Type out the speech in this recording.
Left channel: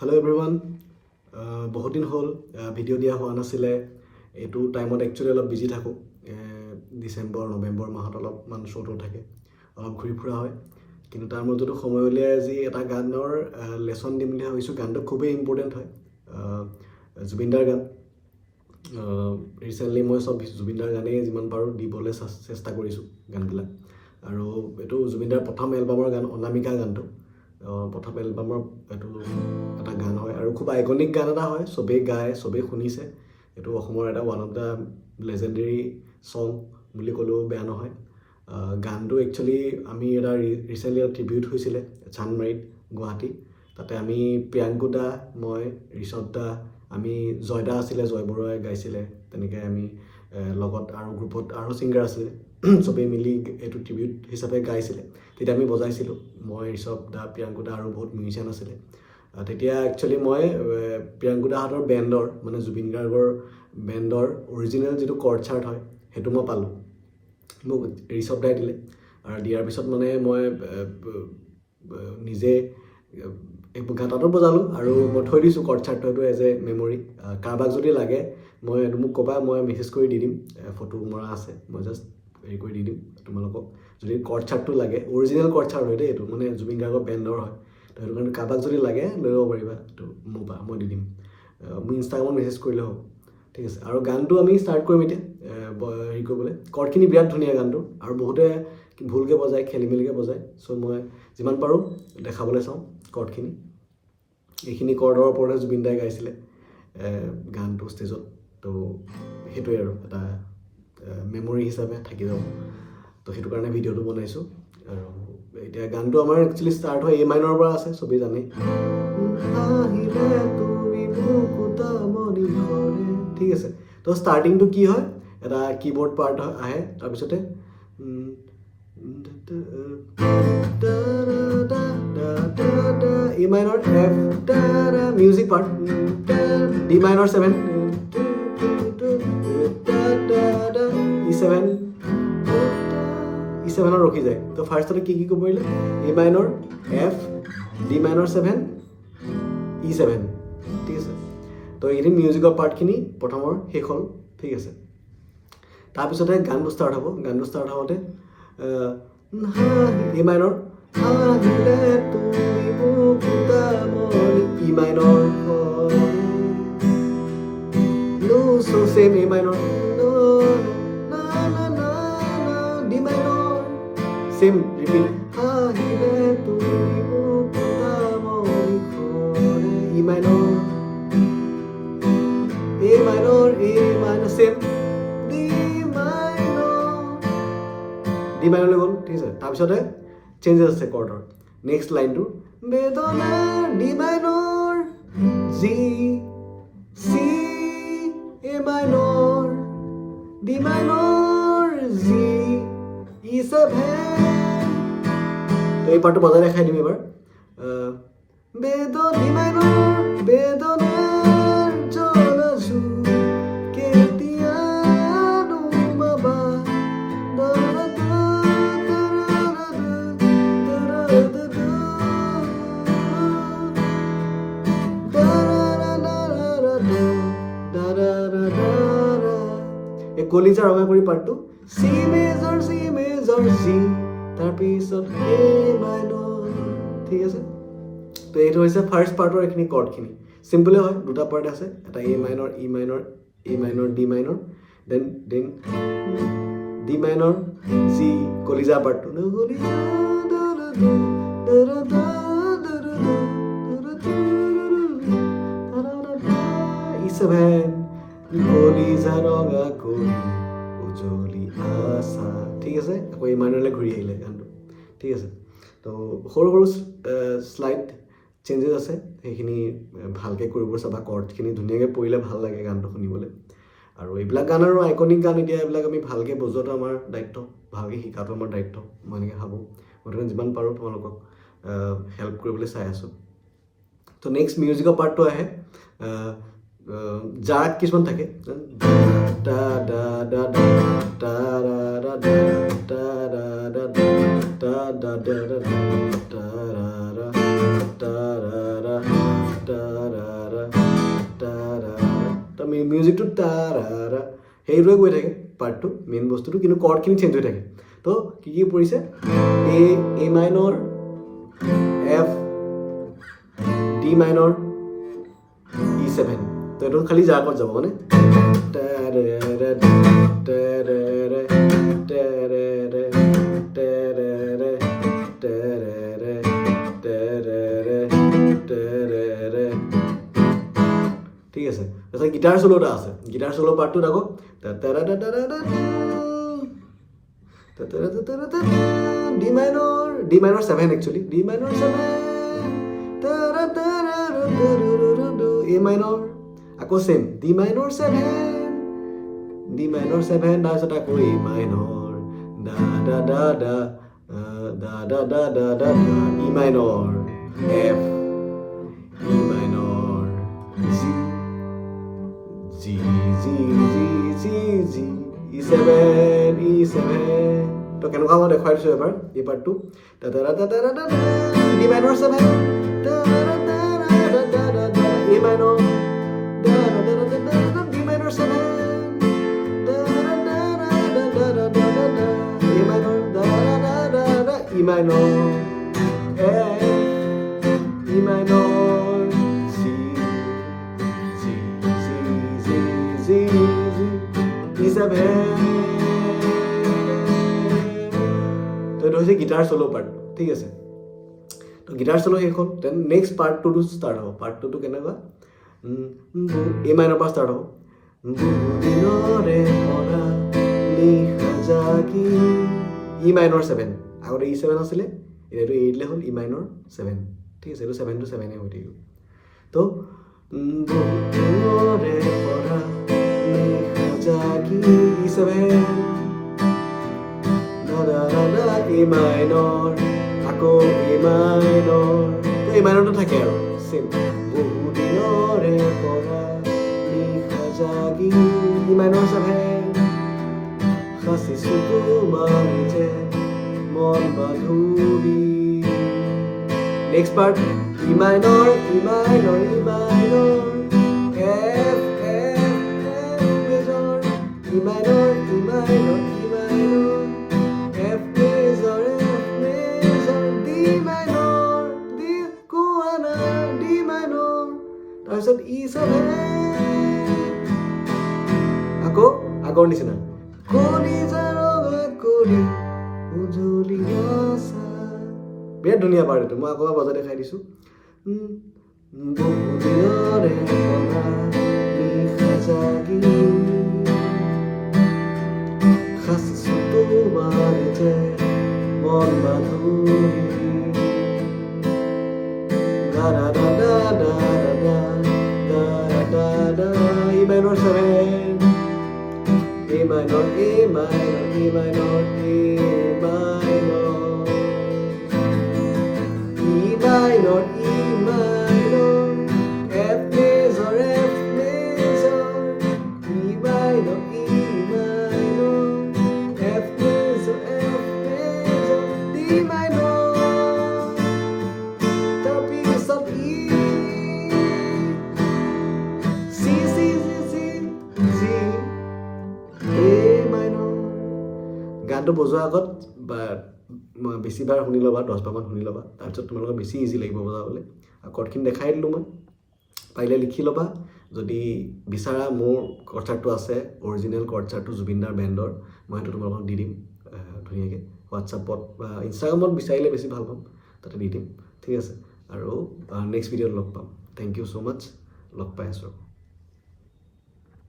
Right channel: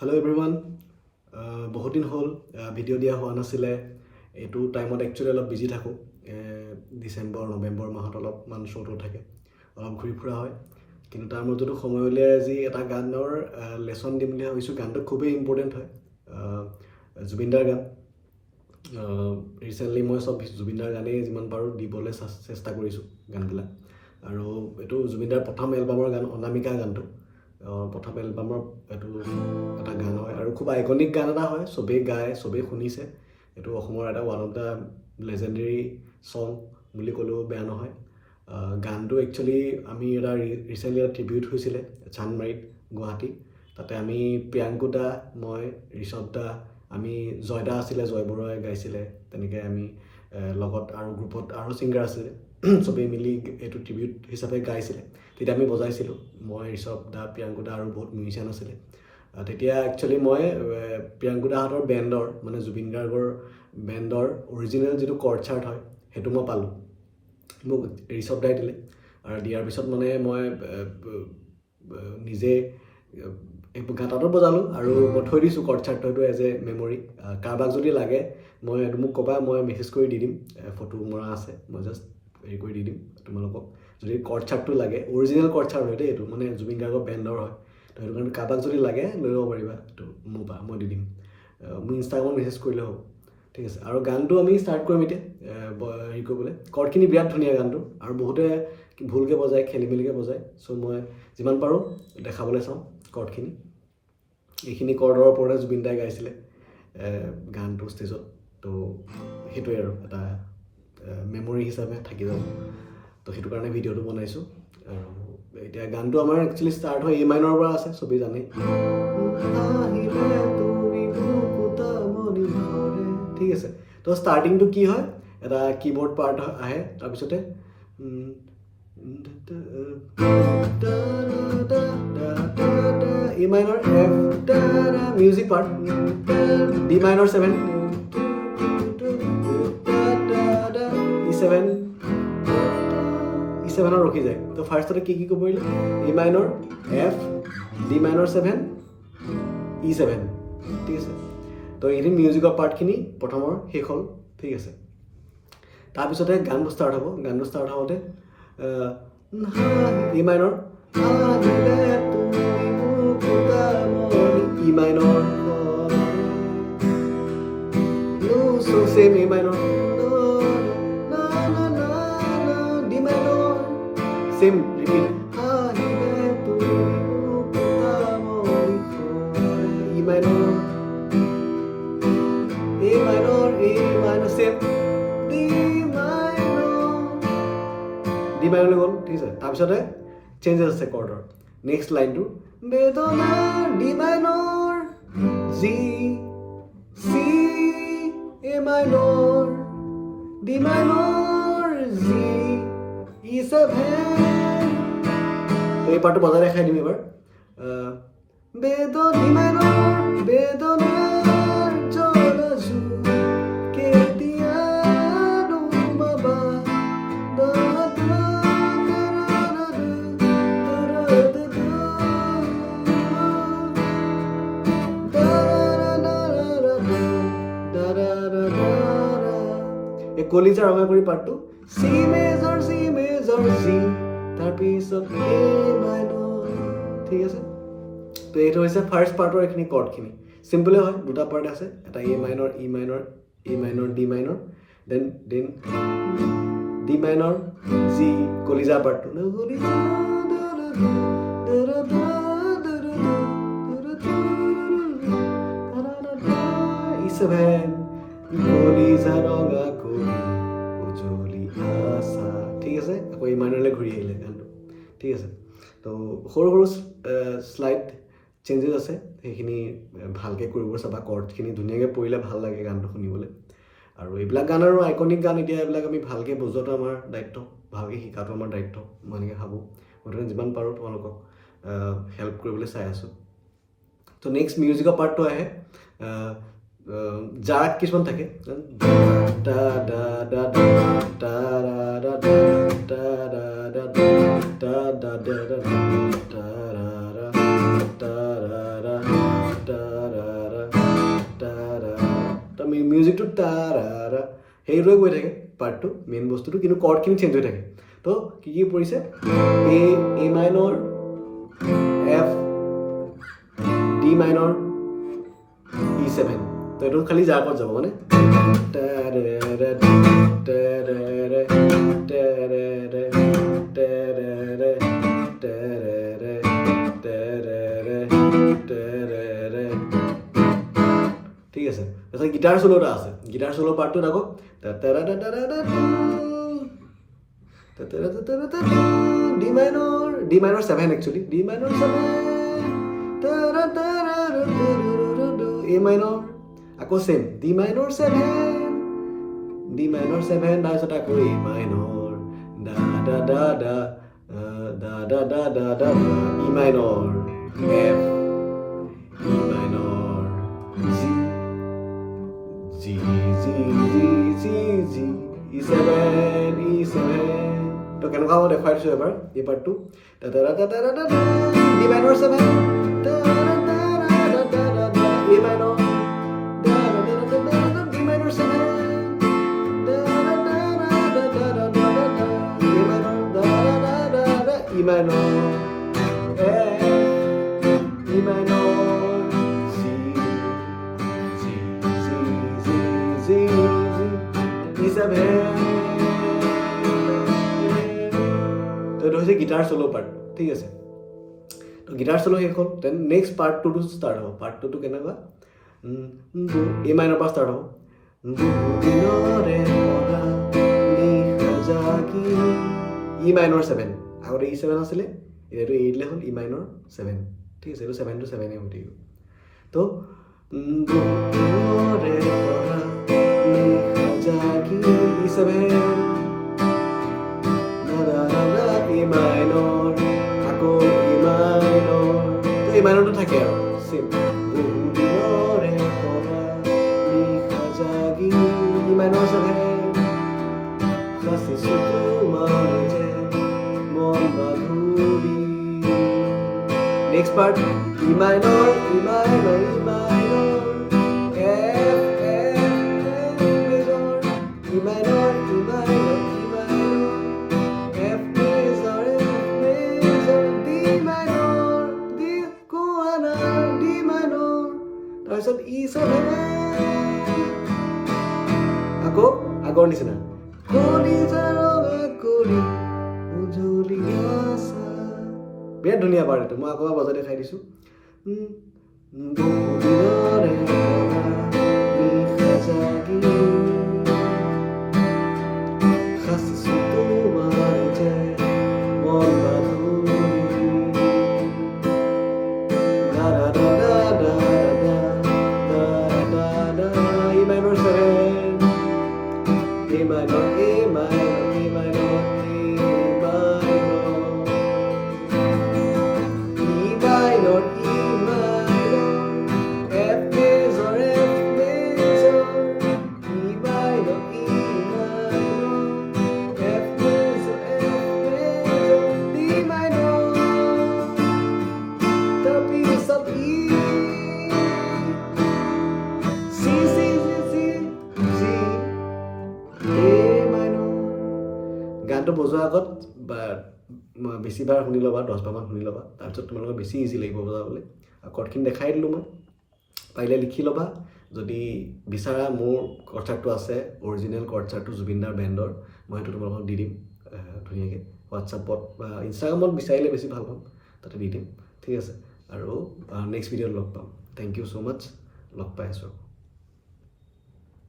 Hello everyone. বহুত দিন হ'ল ভিডিঅ' দিয়া হোৱা নাছিলে। এইটো টাইমত একচুৱেলি অলপ বিজি থাকোঁ। ডিচেম্বৰ নৱেম্বৰ মাহত অলপমান শ্ব'টো থাকে, অলপ ঘূৰি ফুৰা হয়। কিন্তু তাৰ মাজতো সময় উলিয়াই আজি এটা গানৰ লেচন দিম বুলি ভাবিছোঁ। গানটো খুবেই ইম্পৰ্টেণ্ট হয়, জুবিনদাৰ গান। ৰিচেণ্টলি মই চব জুবিনদাৰ গানেই যিমান পাৰোঁ দিবলৈ চেষ্টা কৰিছোঁ গানবিলাক। আৰু এইটো জুবিনদাৰ প্ৰথম এলবামৰ গান, অনামিকা গানটো। প্ৰথম এলবামৰ এইটো এটা গান হয় আৰু খুব আইকনিক গান এটা হয়, চবেই গায়, চবেই শুনিছে। এইটো অসমৰ এটা ওৱান অফ দ্য লেজেণ্ডেৰী ছং বুলি ক'লেও বেয়া নহয়। গানটো একচুৱেলি আমি এটা ৰিচেণ্টলি এটা ট্ৰিবিউট হৈছিলে চান্দমাৰীত, গুৱাহাটী। তাতে আমি প্ৰিয়াংকু দা, মই, ঋষভ দা, আমি জয়দা আছিলে, জয় বৰুৱাই গাইছিলে। তেনেকৈ আমি লগত আৰু গ্ৰুপত আৰু ছিংগাৰ আছিলে, চবেই মিলি এইটো ট্ৰিবিউট হিচাপে গাইছিলে। তেতিয়া আমি বজাইছিলোঁ, মই, ঋষভ দা, প্ৰিয়াংকু দা আৰু বহুত মিউজিচিয়ান আছিলে। তেতিয়া একচুৱেলি মই প্ৰিয়াংকু দাহঁতৰ বেণ্ডৰ, মানে জুবিন গাৰ্গৰ বেণ্ডৰ অৰিজিনেল যিটো কৰ্ড চাৰ্ট হয় সেইটো মই পালোঁ। মোক ঋষভ দাই দিলে আৰু দিয়াৰ পিছত মানে মই নিজে গাঁতাতো বজালোঁ আৰু মই থৈ দিছোঁ কৰ্ড চাৰ্টটো এজ এ মেমৰি। কাৰোবাক যদি লাগে মোক ক'বা, মই মেছেজ কৰি দি দিম। ফটো মৰা আছে, মই জাষ্ট হেৰি কৰি দি দিম তোমালোকক। যদি কৰ্ড চাৰ্টটো লাগে, অৰিজিনেল কৰ্ড চাৰ্ট হয় দেই এইটো, মানে জুবিন গাৰ্গৰ বেণ্ডৰ হয়। তো সেইটো কাৰণে কাৰোবাক যদি লাগে লৈ ল'ব পাৰিবা, এইটো মোৰ পৰা মই দি দিম। মোৰ ইনষ্টাগ্ৰামত মেছেজ কৰিলে হ'ব, ঠিক আছে। আৰু গানটো আমি ষ্টাৰ্ট কৰিম এতিয়া হেৰি কৰিবলৈ। কৰ্ডখিনি বিৰাট ধুনীয়া গানটো, আৰু বহুতে ভুলকৈ বজায়, খেলি মেলিকৈ বজায়। চ' মই যিমান পাৰোঁ দেখাবলৈ চাওঁ কৰ্ডখিনি। এইখিনি কৰ্ডৰ ওপৰতে জুবিন দাই গাইছিলে গানটো ষ্টেজত। তো সেইটোৱে আৰু এটা মেমৰি হিচাপে থাকি যাব। তো সেইটো কাৰণে ভিডিঅ'টো বনাইছোঁ। আৰু এতিয়া গানটো আমাৰ একচুৱেলি ষ্টাৰ্ট হয় A-মাইনৰ পৰা আছে, চবেই জানেই। ঠিক আছে। তো ষ্টাৰ্টিংটো কি হয়, এটা কিবৰ্ড পাৰ্ট আহে, তাৰপিছতে A-মাইনৰ F মিউজিক পাৰ্ট, D-মাইনৰ 7, E7ত ৰখি যায়। তো ফাৰ্ষ্টতে কি ক'ব পাৰিলে, A-মাইনৰ F, D-মাইনৰ 7, E7, ঠিক আছে। তো এইখিনি মিউজিকৰ পাৰ্টখিনি প্ৰথমৰ শেষ হ'ল, ঠিক আছে। তাৰপিছতে গানটো ষ্টাৰ্ট হ'ব। গানটো ষ্টাৰ্ট হওঁতে A-মাইনৰ E-মাইনৰ, so same A-মাইনৰ, D-মাইনৰ, same repeat, E-মাইনৰ, A-মাইনৰ, same, D-মাইনৰলৈ গ'ল, ঠিক আছে। তাৰপিছতে চেঞ্জেছ আছে কৰ্ডৰ। নেক্সট লাইনটো বেদনাৰ, D-মাইনৰ, G, C, A-মাইনৰ, D-মাইনৰ, G, E7। তো এই পাৰ্টটো বজাই দেখাই দিম এবাৰ। D-মাইনৰ, বেদনাৰ জলজু কেতিয়া নুমাবা, কলিজা ৰঙা কৰি পাৰ্টটো C মেজৰ, G, তাৰপিছত A-মাইনৰ, ঠিক আছে। তো এইটো হৈছে ফাৰ্ষ্ট পাৰ্টৰ এইখিনি কৰ্ডখিনি। চিম্পলে হয়, দুটা পাৰ্ট আছে, এটা A-মাইনৰ, E-মাইনৰ, A-মাইনৰ, D-মাইনৰ, দেন D-মাইনৰ, G, কলিজা পাৰ্টটো, E7, কলিজা ৰঙা কৰি উজলি আছা, ঠিক আছে। আকৌ A-মাইনৰলৈ ঘূৰি আহিলে গানটো, ঠিক আছে। তো সৰু সৰু শ্লাইড চেঞ্জেছ আছে, সেইখিনি ভালকৈ কৰিব চাবা। কৰ্ডখিনি ধুনীয়াকৈ পৰিলে ভাল লাগে গানটো শুনিবলৈ। আৰু এইবিলাক গান আৰু আইকনিক গান, এতিয়া এইবিলাক আমি ভালকৈ বজোৱাটো আমাৰ দায়িত্ব, ভালকৈ শিকাটো আমাৰ দায়িত্ব, মই এনেকৈ ভাবোঁ। গতিকে যিমান পাৰোঁ তোমালোকক হেল্প কৰিবলৈ চাই আছোঁ। তো নেক্সট মিউজিকৰ পাৰ্টটো আহে। জাত কিছুমান থাকে, মিউজিকটো তাৰা সেইটোৱে গৈ থাকে পাৰ্টটো মেইন বস্তুটো কিন্তু কৰ্ডখিনি চেঞ্জ হৈ থাকে তো কি পৰিছে A minor F D minor E7 তো এইটো খালি যা ক'ত যাব মানে ঠিক আছে তাৰপিছত গিটাৰ চলো এটা আছে গিটাৰ চলো পাৰ্টটোত আকৌ D minor 7 actually D minor 7 A minor আকৌ চেম ডি মাইনৰ 7 তাৰপিছত আকৌ এ মাইনৰ দা দা দা দা দা দা দা দা দা E minor F E minor G G G G G G E7 তো কেনেকুৱা মই দেখুৱাই দিছোঁ এবাৰ এই পাৰ্টটো D minor 7 A minor D minor 7 E minor, E minor, C, C, C, C, C, C, E7. তো এইটো হৈছে গিটাৰ চলো পাৰ্ট ঠিক আছে তো গিটাৰ চলো শেষ হ'ল দেন নেক্সট পাৰ্টটো ষ্টাৰ্ট হ'ব পাৰ্টটো কেনেকুৱা এ মাইনৰ পৰা ষ্টাৰ্ট হ'ব দিনৰে পৰা নিশা জাগি ই মাইনৰ 7 আগতে E7 আছিলে এইটো 8 লে হ'ল ই মাইনৰ 7 ঠিক আছে এইটো 7 to 7 হৈ থাকিব তো দিনৰে পৰা নিশা জাগি E7 E minor, আকৌ E minor, তো E minor টো থাকে আৰু সেম বহু দিনৰে পৰা নিশা জাগি E minor 7 সাচিছো তোমাৰ যে মন বান্ধুৰি next part E minor, E minor, E minor F, F, F major E minor, E minor, E minor F major, F major D minor, D কোৱানা D minor তাৰপিছত E7 আকৌ আগৰ নিচিনা কলিজাৰগা কৰি উজলি আছা বিৰাট ধুনীয়া পাৰ্ট এইটো মই আকৌ বজাই দেখাই দিছোঁ বহু দিনৰে পৰা নিশা জাগি সাচিছো তোমাৰ যে মন বান্ধুৰি দা দা দা দা দা দা দা দা দা E minor 7 E minor, E minor, E minor, E minor E minor, E minor F major, F major E minor, E minor F major, F major D minor তাৰপিছত E C, C, C, C, G A minor গানটো বজোৱাৰ আগত বা বেছিবাৰ শুনি ল'বা 10 বাৰমান শুনি ল'বা তাৰপিছত তোমালোকৰ বেছি ইজি লাগিব বজাবলৈ কৰ্ডখিনি দেখাই দিলোঁ মই পাৰিলে লিখি ল'বা যদি বিচাৰা মোৰ কৰ্ডচাৰ্টটো আছে অৰিজিনেল কৰ্ডচাৰ্টটো জুবিনদাৰ বেণ্ডৰ মই সেইটো তোমালোকক দি দিম ধুনীয়াকৈ হোৱাটছআপত বা ইনষ্টাগ্ৰামত বিচাৰিলে বেছি ভাল পাম তাতে দি দিম ঠিক আছে আৰু নেক্সট ভিডিঅ'ত লগ পাম থেংক ইউ ছ' মাছ লগ পাই আছোঁ